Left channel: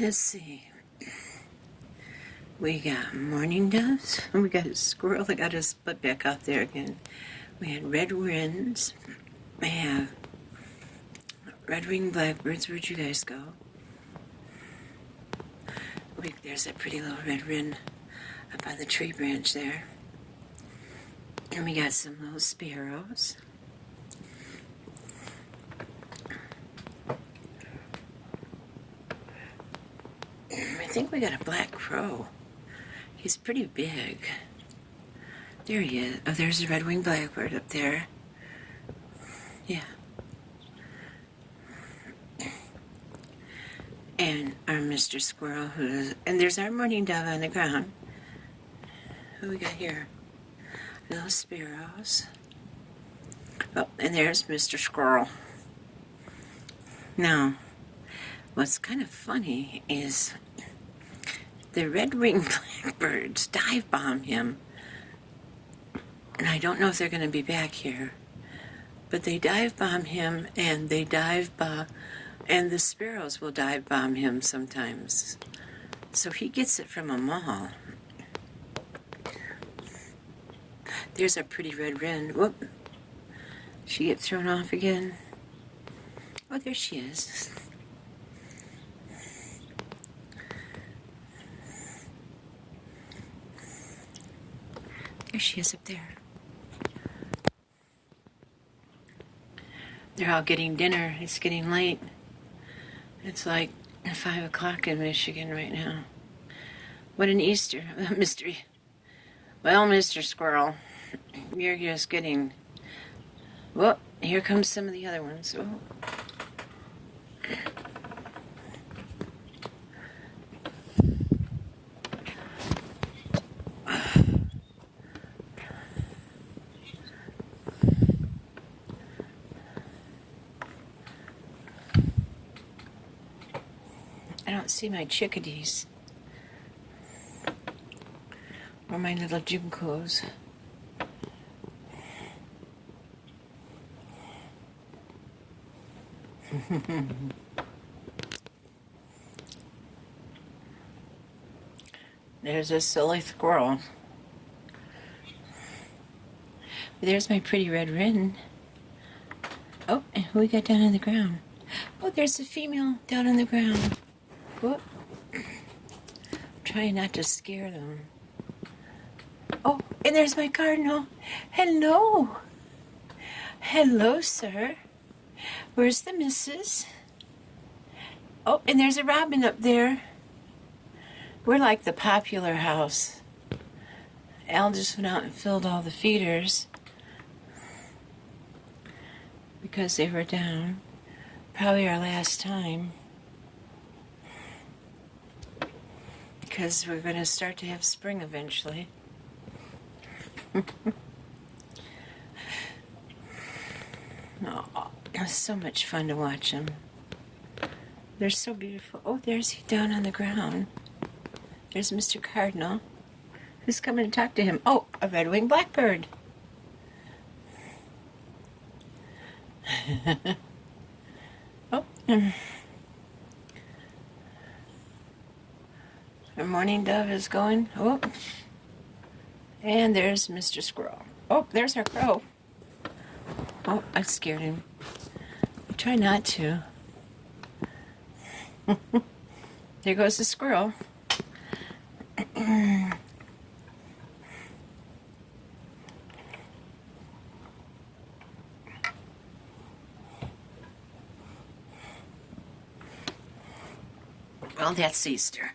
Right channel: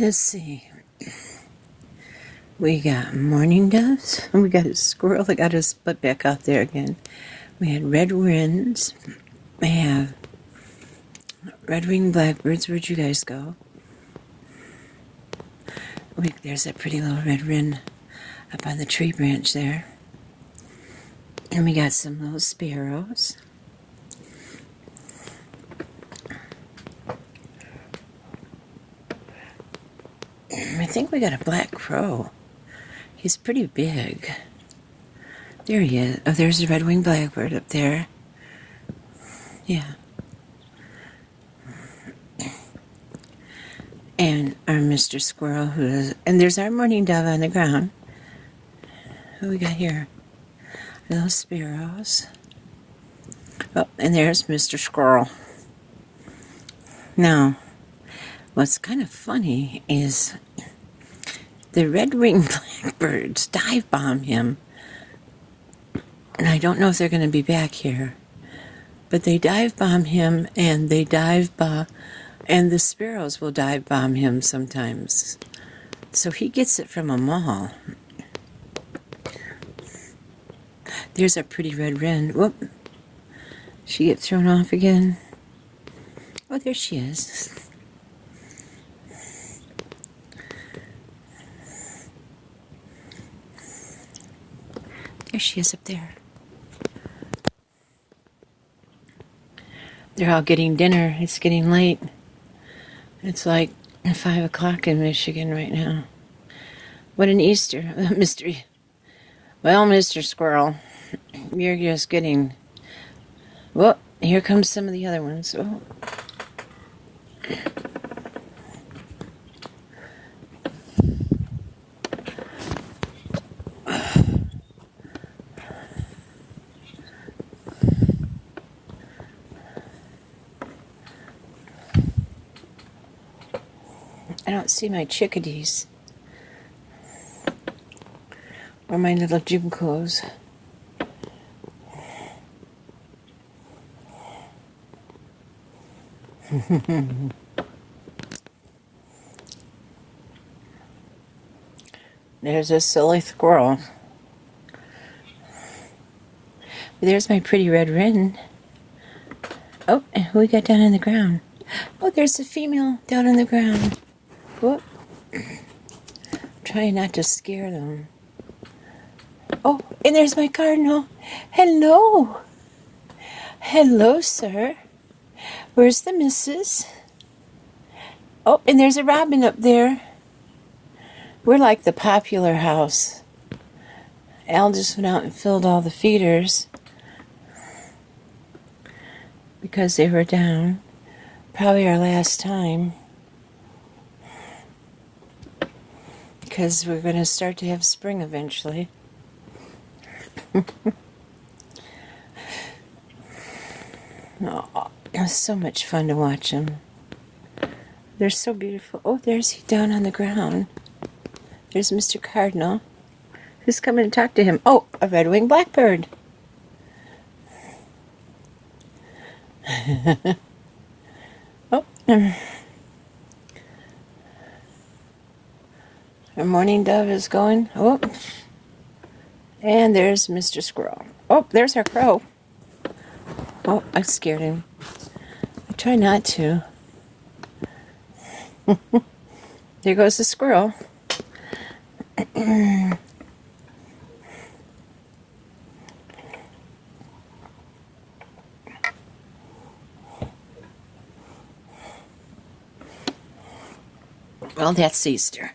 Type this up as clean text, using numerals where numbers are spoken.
Let's see. We got mourning doves. We got a squirrel that got his butt back out there again. We had red wrens. We have red-winged blackbirds. Where'd you guys go? There's a pretty little red wren up on the tree branch there. And we got some little sparrows. I think we got a black crow. He's pretty big. There he is. Oh, there's a red-winged blackbird up there. Yeah. And our Mr. Squirrel, and there's our mourning dove on the ground. Who we got here? Little sparrows. Oh, and there's Mr. Squirrel. Now, what's kind of funny is the red-winged blackbirds dive bomb him. And I don't know if they're going to be back here. But they dive bomb him, and and the sparrows will dive bomb him sometimes. So he gets it from them all. There's a pretty red wren. Whoop. She get thrown off again. Oh, there she is. There she is up there. They're all getting dinner. It's getting late. It's like 5 o'clock in Michigan right now. What an Easter mystery. Well, Mr. Squirrel, you're just getting... Well, here comes some of the other ones. Oh. I don't see my chickadees. Or my little juncoes. There's a silly squirrel. There's my pretty red wren. Oh, and who we got down on the ground? Oh, there's a female down on the ground. Whoop. Trying not to scare them. Oh, and there's my cardinal. Hello. Hello, sir. Where's the missus? Oh, and there's a robin up there. We're like the popular house. Al just went out and filled all the feeders because they were down. Probably our last time. Because we're going to start to have spring eventually. Oh, it's so much fun to watch them. They're so beautiful. Oh, there's he down on the ground. There's Mr. Cardinal. Who's coming to talk to him? Oh, a red-winged blackbird. Oh, our mourning dove is going. Oh, and there's Mr. Squirrel. Oh, there's our crow. Oh, I scared him. I try not to. There goes the squirrel. Well, that's Easter.